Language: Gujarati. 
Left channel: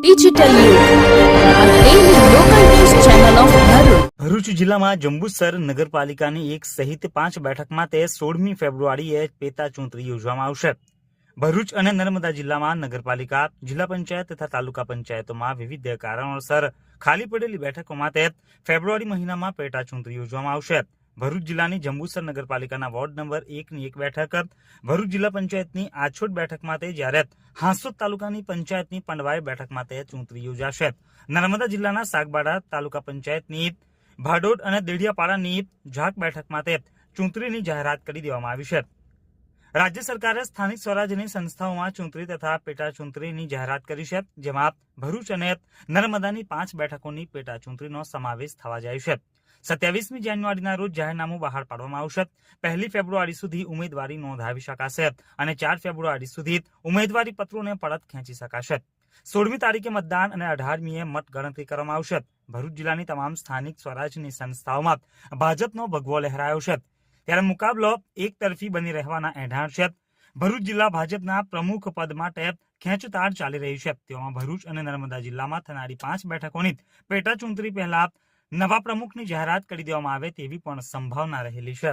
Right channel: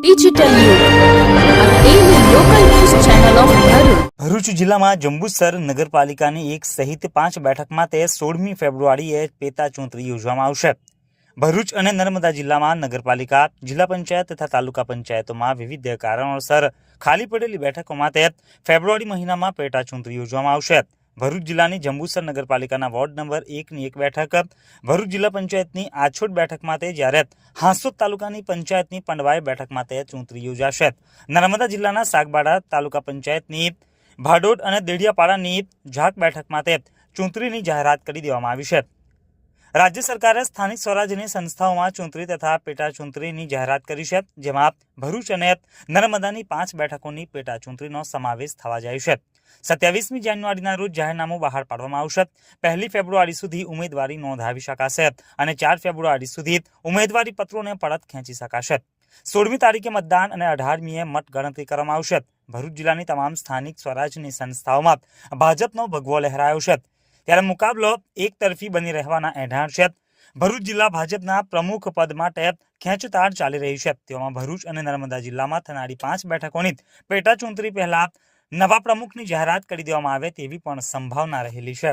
ડિજિટલ યુગ આ daily local news channel of Bharuch. Bharuch જિલ્લામાં જંબુસર નગરપાલિકાની 1 સહિત 5 બેઠકમાં 16મી ફેબ્રુઆરીએ પેટા ચૂંટણી યોજવામાં આવશે. ભરૂચ અને નર્મદા જિલ્લામાં નગરપાલિકા, જિલ્લા પંચાયત તથા તાલુકા પંચાયતોમાં વિવિધ કારણોસર ખાલી પડેલી બેઠકોમાં ફેબ્રુઆરી મહિનામાં પેટા ચૂંટણી યોજવામાં આવશે. ભરૂચ જિલ્લાની જંબુસર નગરપાલિકાના વોર્ડ નંબર 1ની 1 બેઠક, ભરૂચ જિલ્લા પંચાયતની આછોડ બેઠક માટે, જ્યારે હાંસોદ તાલુકાની પંચાયતની પંડવાઈ બેઠક માટે ચૂંટણી યોજાશે. નર્મદા જિલ્લાના સાગબાડા તાલુકા પંચાયતની ભાડોડ અને દેડિયાપાડાની ઝાક બેઠક માટે ચૂંટણીની જાહેરાત કરી દેવામાં આવી છે. રાજ્ય સરકારે સ્થાનિક સ્વરાજ્યની સંસ્થાઓમાં ચૂંટણી તથા પેટા ચૂંટણીની જાહેરાત કરી છે, જેમાં ભરૂચ અને નર્મદાની 5 બેઠકોની પેટા ચૂંટણીનો સમાવેશ થવા જાય છે. 27મી જાન્યુઆરીના રોજ જાહેરનામું બહાર પાડવામાં આવશે. 1 ફેબ્રુઆરી સુધી ઉમેદવારી નોંધાવી શકાશે અને 4 ફેબ્રુઆરી સુધી ઉમેદવારી પત્રોને પરત ખેંચી શકાશે. 16મી તારીખે મતદાન અને 18મીએ મત ગણતરી કરવામાં આવશે. ભરૂચ જિલ્લાની તમામ સ્થાનિક સ્વરાજ્યની સંસ્થાઓમાં ભાજપનો ભગવો લહેરાયો છે, ત્યારે મુકાબલો એકતરફી બની રહેવાના એંધાણ છે. ભરૂચ જિલ્લા ભાજપના પ્રમુખ પદ માટે ખેંચતાણ ચાલી રહી છે. તેમાં ભરૂચ અને નર્મદા જિલ્લામાં થનારી 5 બેઠકોની પેટા ચૂંટણી પહેલા નવા પ્રમુખની જાહેરાત કરી દેવામાં આવે તેવી પણ સંભાવના રહેલી છે.